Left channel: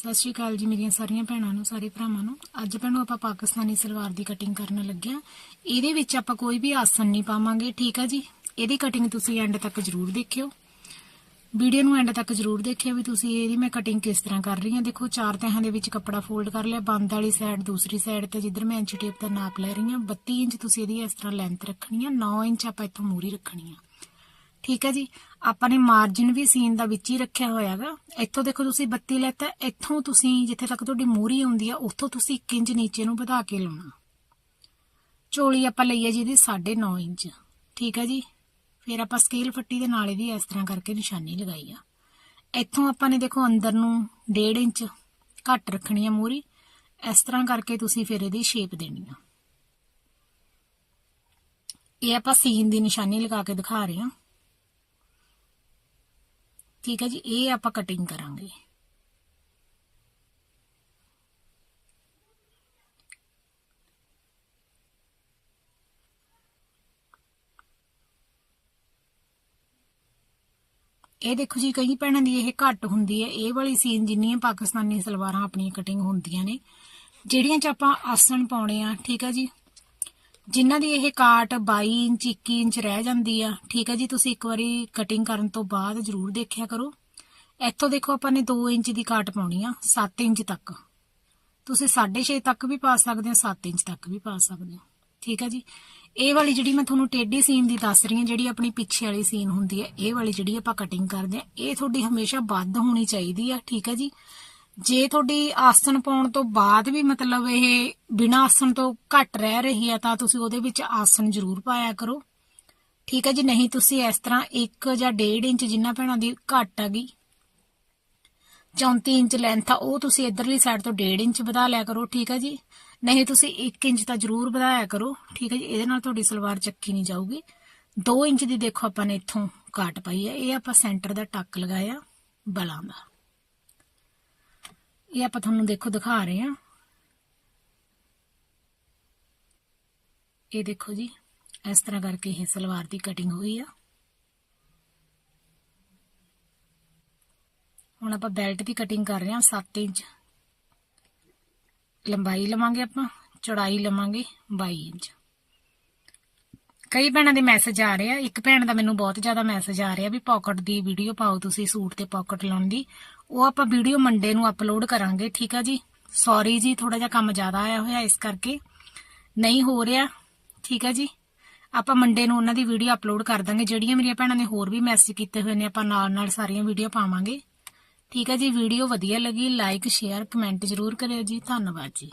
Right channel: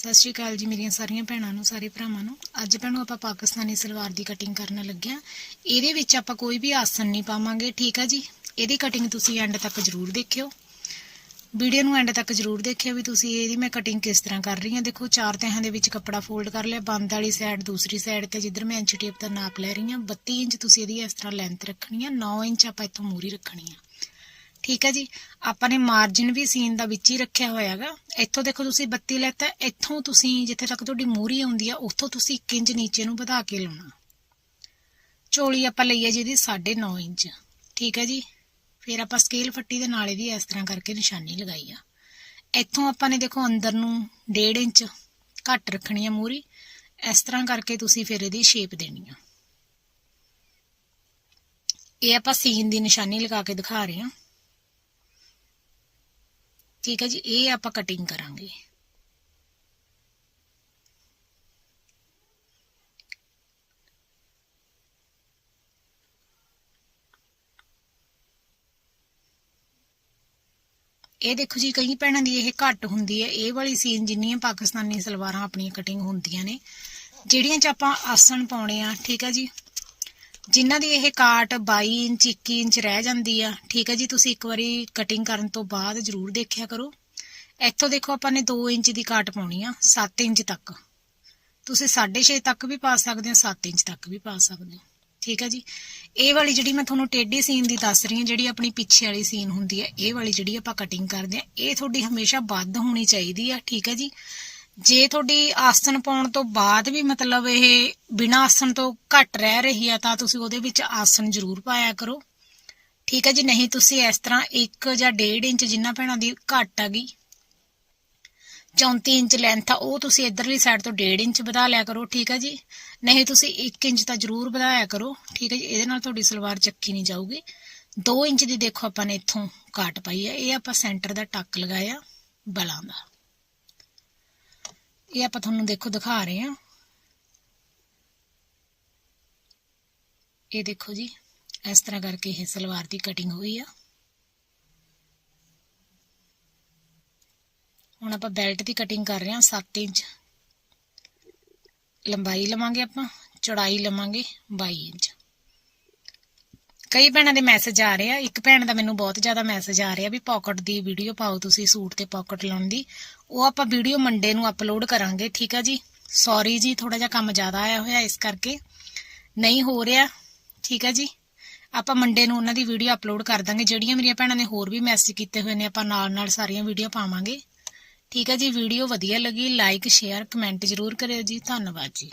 ਸਤਿ ਸ਼੍ਰੀ ਅਕਾਲ ਜੀ ਮੇਰੀਆਂ ਸਾਰੀਆਂ ਭੈਣਾਂ ਨੂੰ, ਸਾਰੇ ਭਰਾਵਾਂ ਨੂੰ। ਅੱਜ ਭੈਣੋ ਆਪਾਂ ਪਾਕਿਸਤਾਨੀ ਸਲਵਾਰ ਦੀ ਕਟਿੰਗ ਕਰਨ ਲੱਗੇ ਆ ਇਹਦੇ ਵਿੱਚ ਆਪਾਂ ਕੋਈ ਵੀ ਆਸਨ ਨਹੀਂ ਪਾਵਾਂਗੇ, ਠੀਕ ਆ ਜੀ? ਇਹਦੀ ਕਟਿੰਗ ਤੁਸੀਂ ਐਂਡ ਤੱਕ ਜ਼ਰੂਰ ਦੇਖਿਓ। ਵੀਡੀਓ ਨੂੰ ਐਂਡ ਤੱਕ ਜ਼ਰੂਰ ਦੇਖਿਓ ਵੀ ਤੁਸੀਂ ਇਹਦੀ ਮੈਂ ਕਟਿੰਗ ਕਿਸ ਤਰ੍ਹਾਂ ਕਰ ਰਹੀ ਹਾਂ। ਦੇਖੋ, ਚਾਰ ਤਹਾਂ ਦੇ ਵਿੱਚ ਕੱਪੜਾ ਫੋਲਡ ਕਰ ਲਿਆ, ਬੰਦ ਵਾਲੀ ਸਾਈਡ ਦੂਸਰੀ ਸਾਈਡ ਤੇ ਜਿੱਧਰ ਮੈਂ ਇੰਚ ਟੇਪ ਦਾ ਨਾਪ ਲੈ ਰਹੀ ਹਾਂ 32 ਇੰਚ ਤੁਸੀਂ ਇਹਦੀ ਇਸ ਤਰ੍ਹਾਂ ਲੈਂਥ ਰੱਖਣੀ ਆ 9 ਇੰਚ ਆਪਾਂ ਇੱਥੋਂ ਮੂਰੀ ਰੱਖਣੀ ਆ। ਠੀਕ ਹੈ ਜੀ। ਆਪਾਂ ਨੇ ਮਾਰਜਨ ਵੀ ਸੀਨ ਦਾ ਵਿੱਚ ਹੀ ਰੱਖਿਆ ਹੋਇਆਗਾ। ਇੱਥੋਂ ਦੇਖੋ ਤੁਸੀਂ 32 ਲੈਤਾ, ਇੱਥੋਂ ਤੁਸੀਂ ਜਿੱਥੇ ਤੱਕ ਤੁਹਾਡੀ ਮੂਰੀ ਆਉਂਦੀ ਆ, ਉੱਥੋਂ ਤੁਸੀਂ 1 ਇੰਚ ਨੀਚੇ ਨੂੰ ਵਧਾ ਕੇ ਲਾਉਣਾ। ਚੋਲੀ ਆਪਾਂ ਲਈ ਹੈ ਜਿਹਦੀ 9.5 ਇੰਚ। ਠੀਕ ਹੈ ਜੀ। ਫਿਰ ਆਪਾਂ ਸਕੇਲ ਫੱਟੀ ਦੇ ਨਾਲ ਇਹਦੀ ਇਸ ਤਰ੍ਹਾਂ ਕਰਕੇ ਨਿਸ਼ਾਨੀ ਲਗਾਈ ਆ। ਇੱਥੋਂ ਆਪਾਂ ਨੇ ਦੇਖੋ ਅੰਦਰ ਨੂੰ 1.5 ਇੰਚ ਘੱਟ ਰੱਖਣੀ ਆ ਮੂਰੀ ਇਸ ਤਰ੍ਹਾਂ ਕਰਕੇ ਤੁਸੀਂ ਫਿਰ ਇਹਦੀ ਸ਼ੇਪ ਦੇਣੀ ਆ। ਇਹ ਆਪਾਂ ਸੀਨ ਦੀ ਨਿਸ਼ਾਨੀ ਲਗਾ ਕੇ ਦਿਖਾ ਰਹੇ ਹਾਂ ਠੀਕ ਹੈ ਜੀ, ਇਹ ਆਪਾਂ ਕਟਿੰਗ ਕਰਾਂਗੇ। ਇਹ ਦੇਖੋ ਜੀ, ਕਈ ਭੈਣਾਂ ਦੀ ਇਹ ਘੱਟ ਹੁੰਦੀ ਹੈ। ਇਹ ਵਾਲੀ ਸੀਨ ਜਿੰਨੀਆਂ ਪਾਕਿਸਤਾਨੀ ਸਲਵਾਰਾਂ ਆਪਣੀਆਂ ਕਟਿੰਗ ਹੁੰਦੀਆਂ ਨੇ, ਜਿਹੜੀਆਂ ਚ ਆਪਾਂ ਆਸਣ ਪਾਉਣੇ ਆ, ਠੀਕ ਹੈ ਜੀ। ਜਿਨ੍ਹਾਂ ਦੀ ਇਹ ਕਾਟ 22 ਇੰਚ 21 ਇੰਚ ਰਹਿ ਜਾਂਦੀ ਆ, ਠੀਕ ਹੈ ਜੀ, ਤੁਸੀਂ ਇੱਕ ਵਾਰੀ ਕਟਿੰਗ ਕਰਨ ਤੋਂ ਬਾਅਦ ਜ਼ਰੂਰ ਦੇਖਿਆ ਕਰੋ। ਇੱਥੋਂ ਦੇਖੋ ਆਪਾਂ ਨੇ 2 ਇੰਚ ਦੀ ਕਾਟ ਪਾਉਣੀ ਆ 7 ਇੰਚ ਤੱਕ। ਤੁਸੀਂ 6.5 ਤੱਕ ਵੀ ਪਾ ਸਕਦੇ ਹੋ 7 ਇੰਚ ਤੱਕ ਵੀ ਪਾ ਸਕਦੇ ਹੋ ਠੀਕ ਹੈ ਜੀ। ਇਹ ਵਾਲੀ ਜਿਹੜੀ ਮੈਂ ਤੁਹਾਨੂੰ ਟੇਢੀ ਸੀਨ ਦੀ ਦੱਸ ਰਹੀ ਹਾਂ ਜਿਹੜੀ ਆਪਣੀ ਪਿੱਛੇ ਵਾਲੀ ਸੀਨ ਹੁੰਦੀ ਹੈ ਇਹ ਵਾਲੀ ਜਿਹੜੀ ਆਪਾਂ ਕਟਿੰਗ ਕਰਦੇ ਆ, ਇਹ ਤੁਹਾਡੀ ਹਮੇਸ਼ਾ ਵੱਧ ਹੋਣੀ ਚਾਹੀਦੀ ਆ, ਠੀਕ ਹੈ ਜੀ। ਜੇ ਤੁਹਾਡੀ ਆਸਣ ਪਾਉਣ ਤੋਂ ਬਾਅਦ ਵੀ ਮਤਲਬ ਇਹ ਬਿਨਾਂ ਆਸਣ ਤੋਂ ਘੱਟ ਰਹਿ ਰਹੀ ਆ, ਤਾਂ ਤੁਸੀਂ ਉਹਦੇ ਵਿੱਚ ਆਸਣ ਜ਼ਰੂਰ ਪਾਇਆ ਕਰੋ। ਠੀਕ ਹੈ ਜੀ? ਨਹੀਂ, ਤੁਸੀਂ ਇਸ ਤਰ੍ਹਾਂ 1 ਜਾਂ 1.5 ਇੰਚ ਜਿੰਨਾ ਭੈਣਾਂ ਦੀ ਘੱਟ ਆ ਗਈ 34 ਇੰਚ ਲੈਂਥ ਆ, ਉਹ ਤੁਸੀਂ ਇਧਰਲੀ ਸਾਈਡ ਤੋਂ 1.5 ਇੰਚ ਵਧਾ ਲਿਆ ਕਰੋ, ਠੀਕ ਹੈ ਜੀ? ਨਹੀਂ, ਤੁਸੀਂ 1 ਇੰਚ ਤਾਂ ਜ਼ਰੂਰ ਵਧਾਇਆ ਕਰੋ, ਠੀਕ ਹੈ ਜੀ? ਇਹਦੇ ਨਾਲ ਤੁਹਾਡੀ ਸਲਵਾਰ ਚੱਕੀ ਨਹੀਂ ਜਾਊਗੀ। 2 ਇੰਚ ਦੀ ਦੇਖੋ ਆਪਾਂ ਨੇ ਇੱਥੋਂ ਕਾਟ ਪਾਈ ਹੈ ਇਹ ਆਪਾਂ ਸੈਂਟਰ ਦਾ ਟੱਕ ਲਗਾਇਆ ਬਲਾਂ ਦਾ। ਇਹ ਆਪਾਂ ਤੁਹਾਨੂੰ ਦੇਖੋ, ਦਿਖਾ ਰਹੇ ਹਾਂ। ਇਹ ਦੇਖੋ ਜੀ, ਇਸ ਤਰ੍ਹਾਂ ਕਰਕੇ ਇਹ ਸਲਵਾਰ ਦੀ ਕਟਿੰਗ ਹੋਈ ਆ। ਹੁਣ ਆਪਾਂ ਬੈਲਟ ਦੀ ਕਟਿੰਗ ਕਰ ਰਹੇ ਹਾਂ 7 ਇੰਚ। ਲੰਬਾਈ ਲਵਾਂਗੇ ਆਪਾਂ, ਚੌੜਾਈ ਲਵਾਂਗੇ 22 ਇੰਚ। ਕਈ ਭੈਣਾਂ ਦੇ ਮੈਸੇਜ ਆ ਰਹੇ ਆ। ਇੱਕ ਭੈਣ ਦਾ ਮੈਨੂੰ ਬਹੁਤ ਜ਼ਿਆਦਾ ਮੈਸੇਜ ਆ ਰਿਹਾ ਵੀ ਪਾਕਟ ਦੀ ਵੀਡੀਓ ਪਾਓ ਤੁਸੀਂ, ਸੂਟ ਤੇ ਪਾਕਟ ਲਾਉਣ ਦੀ। ਉਹ ਆਪਾਂ ਵੀਡੀਓ ਮੰਡੇ ਨੂੰ ਅਪਲੋਡ ਕਰਾਂਗੇ, ਠੀਕ ਆ ਜੀ? ਸੌਰੀ ਜੀ ਥੋੜਾ ਜਿਹਾ ਕੰਮ ਜ਼ਿਆਦਾ ਆਇਆ ਹੋਇਆ ਇਸ ਕਰਕੇ। ਨਹੀਂ ਹੋ ਰਿਹਾ, ਠੀਕ ਆ ਜੀ? ਆਪਾਂ ਮੰਡੇ ਨੂੰ ਉਹਨਾਂ ਦੀ ਵੀਡੀਓ ਅਪਲੋਡ ਕਰ ਦਾਂਗੇ। ਜਿਹੜੀਆਂ ਮੇਰੀਆਂ ਭੈਣਾਂ ਨੇ ਹੋਰ ਵੀ ਮੈਸੇਜ ਕੀਤੇ ਹੋਏ ਨੇ, ਆਪਾਂ ਨਾਲ ਨਾਲ ਸਾਰੀਆਂ ਵੀਡੀਓ ਪਾਵਾਂਗੇ। ਠੀਕ ਆ ਜੀ ਵੀਡੀਓ ਵਧੀਆ ਲੱਗੀ ਲਾਈਕ ਸ਼ੇਅਰ ਕਮੈਂਟ ਜ਼ਰੂਰ ਕਰਿਓ ਜੀ। ਧੰਨਵਾਦ ਜੀ।